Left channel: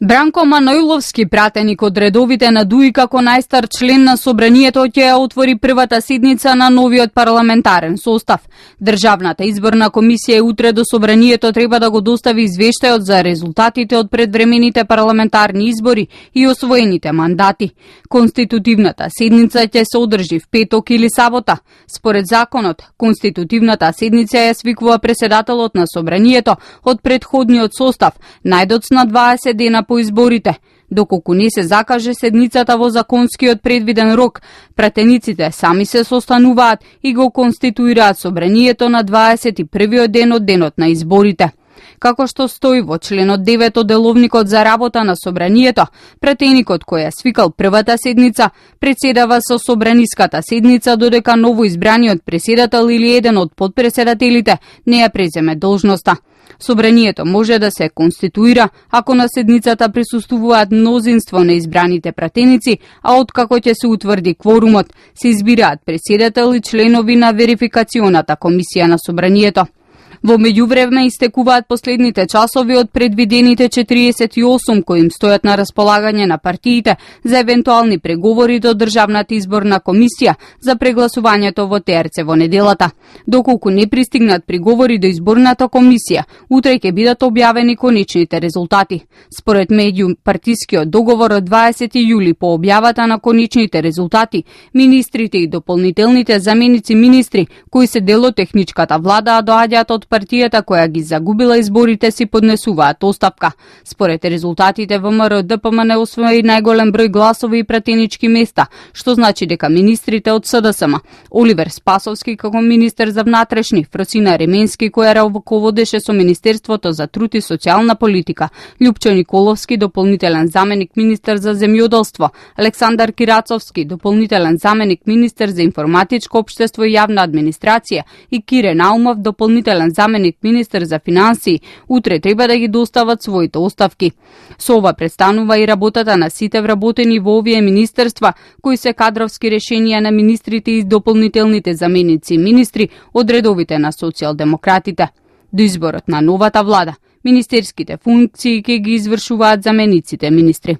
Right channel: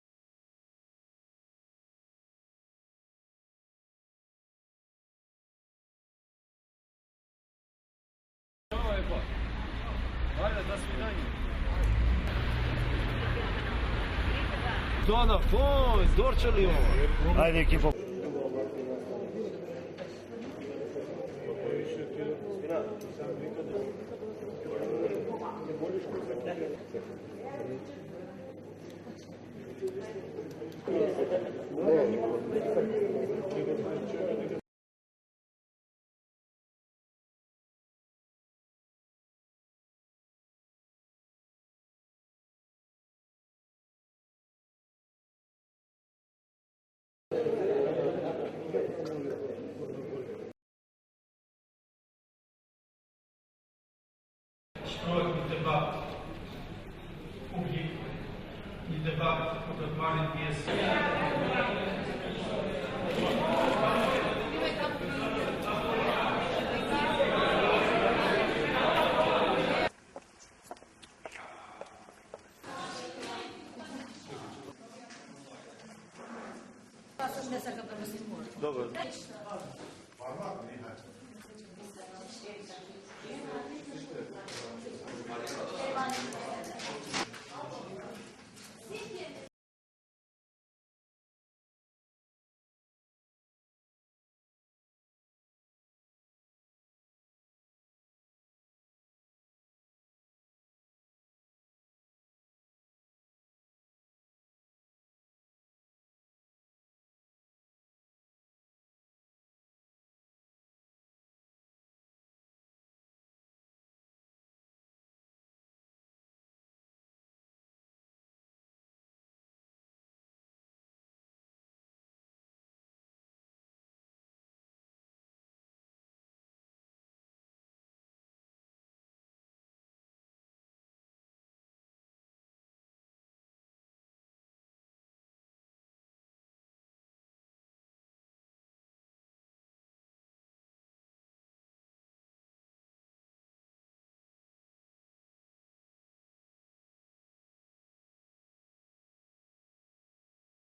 Бранко Манојловски, пратеник од редовите на ДУИ како најстар член на Собранието, ќе ја отвори првата седница на новиот парламентарен состав. Државната изборна комисија утре до Собранието треба да го достави извештајот за резултатите од предвремените парламентарни избори и освоените мандати. Конститутивната седница ќе се одржи в петок или сабота. Според законот, конститутивната седница ја свикува преседателот на Собранието од претходниот состав, најдоцна 20 дена по изборите. Доколку не се закаже седницата во законскиот предвиден рок, пратениците сами се состануваат и го конституираат Собранието на 21-виот ден од денот на изборите. Како што стои во членот 9 од деловникот за работа на Собранието, пратеникот кој ја свикал првата седница председава со Собраниската седница додека новоизбраниот преседател или еден од подпреседателите не ја преземе должноста. Собранието може да се конституира ако на седницата присуствуваат мнозинство на избраните пратеници, а откако ќе се утврди кворумот, се избираат преседател и членови на верификационата комисија на Собранието. Во меѓувреме истекуваат последните часови од предвидените 48 кои им стојат на располагање на партиите за евентуални преговори до Државната изборна комисија за прегласувањето во ТРЦ во неделата. Доколку не пристигнат преговори до изборната комисија, утре ќе бидат објавени конечните резултати. Според меѓупартискиот договор од 20 јули по објавата на конечните резултати, министрите и дополнителните заменици министри, кои се дел од техничката влада, а доаѓаат од партијата која ги загубила изборите, си поднесуваат оставка. Според резултатите, ВМРО ДПМН освои најголем број гласови и пратенички места, што значи дека министрите од СДСМ, Оливер Спасовски како министер за внатрешни, Фросина Ременски која раководеше со Министерството за труд и социјална политика, Љупчо Николовски, дополнителен заменик министер за земјоделство, Александар Кирацовски, дополнителен заменик министер за информатичко општество и јавна администрација, и Кире Наумов, дополнителен заменик министер за финансии, утре треба да ги достават своите оставки. Со ова престанува и работата на сите вработени во овие министерства, кои се кадровски решенија на министрите и дополнителните заменици и министри од редовите на социјалдемократите. До изборот на новата влада, министерските функции ќе ги извршуваат замениците министри.